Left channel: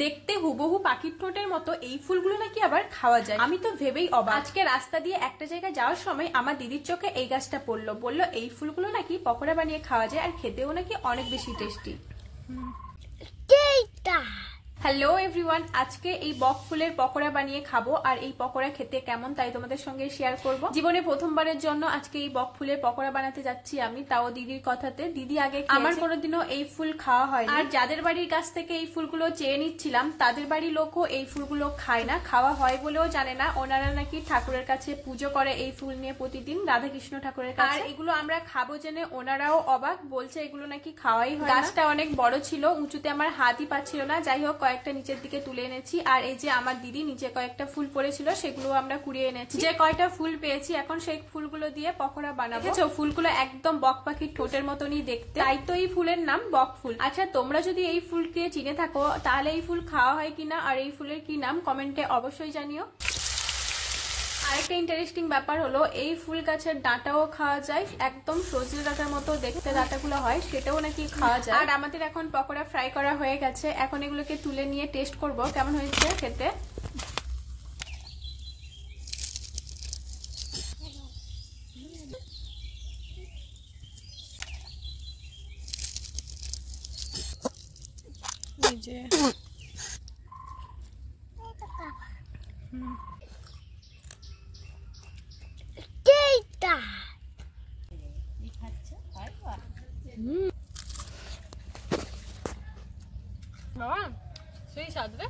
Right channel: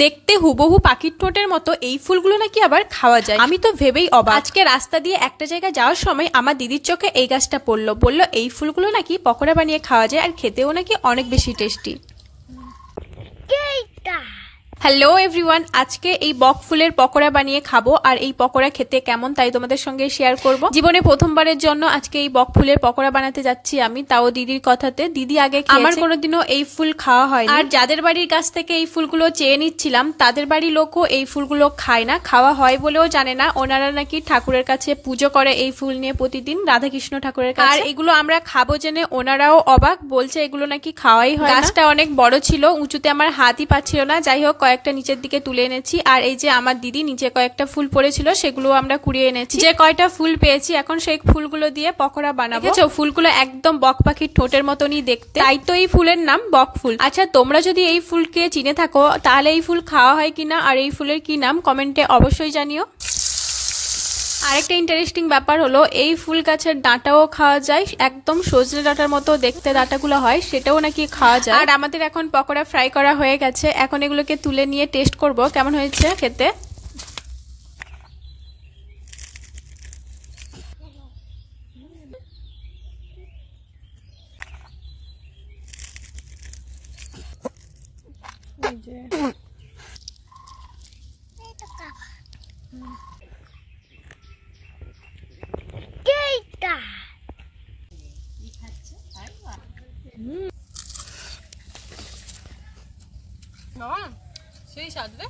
দেখতে হুবহু পাখির ঠোঁটের মতো এই ফুলগুলো নাকি আবার খাওয়া যায়। আমি তো ভেবেই অবাক। আজকে রাস্তা দিয়ে একটা জায়গায় যাওয়ার সময় আমার দিদির চোখে এই গাছটা পড়লো, বললো এই ফুলগুলো নাকি পকোড়া বানিয়ে খাওয়া যায় আর খেতেও নাকি অনেক বেশি টেস্টি। হ্যালো এভরিওয়ান, আজকে এই বক ফুলের পকোড়া বানিয়ে খাবো আর এই পকোড়া খেতে কেমন তাই তোমাদের সঙ্গে শেয়ার করব। জীবনে প্রথমবারের জন্য আজকে এই বক ফুলের পকোড়া বানাতে যাচ্ছি আমি, তাও দিদির কথাতে। দিদি আগে আমার কোনোদিনও এই ফুল খাওয়া হয় আর যাদের বাড়ির কাছ থেকে এই ফুলগুলো চেয়ে নিচ্ছিলাম তাদের বাড়ির লোকও এই ফুলগুলো খায় না, খাওয়া হয় বলেও জানে না। ওনারা নাকি ঠাকুরের কাছে পুজো করে এই ফুল নিয়ে প্রতিদিন, রাধাকৃষ্ণ ঠাকুরের কাছে। আর এগুলো আমরা খাবো জেনে ওনারাও অবাক, বলছে এগুলো নাকি খাওয়াই হয়। গাছটা অনেক বড় ছিল, উঁচুতে আমার হাতই পাচ্ছিল না। যাই হোক কয়েকটা নিচের দিকে তুলে এনেছি আর এই যে আমার দিদি নিচে কয়েকটা ফুল পড়েছিল সেগুলো আমরা কুড়িয়ে এনেছি। যে কয়টা ফুল পেয়েছি এখন সেই ফুলগুলো দিয়ে পকোড়া বানাবো। দেখেছো ফুলগুলো একদম বক পাখির ঠোঁটের মতনই দেখতে, তাই তো এই ফুলের নাম বক ফুল। আচ্ছা তোমরা যদি এই ফুলকে চিনে থাকো তাহলে এই ফুল খাওয়া হয় কিনা আর এই ফুলের কি নাম কমেন্টে অবশ্যই জানিও। আরেকটা ইন্টারেস্টিং ব্যাপার হলো এই ফুল গাছের ডাঁটাও খাওয়া যায়, একদম সজনে ডাঁটার মতো দেখতে ডাঁটাগুলো হয়, সেটাও নাকি খাওয়া যায়। আর আমাদের এখন পকোড়া ফ্রাই করা হয়ে গেছে, এখন এগুলোকে তুলে নিয়ে টেস্ট করব কেমন হয়েছে খেতে। সেই স্বাদ রে।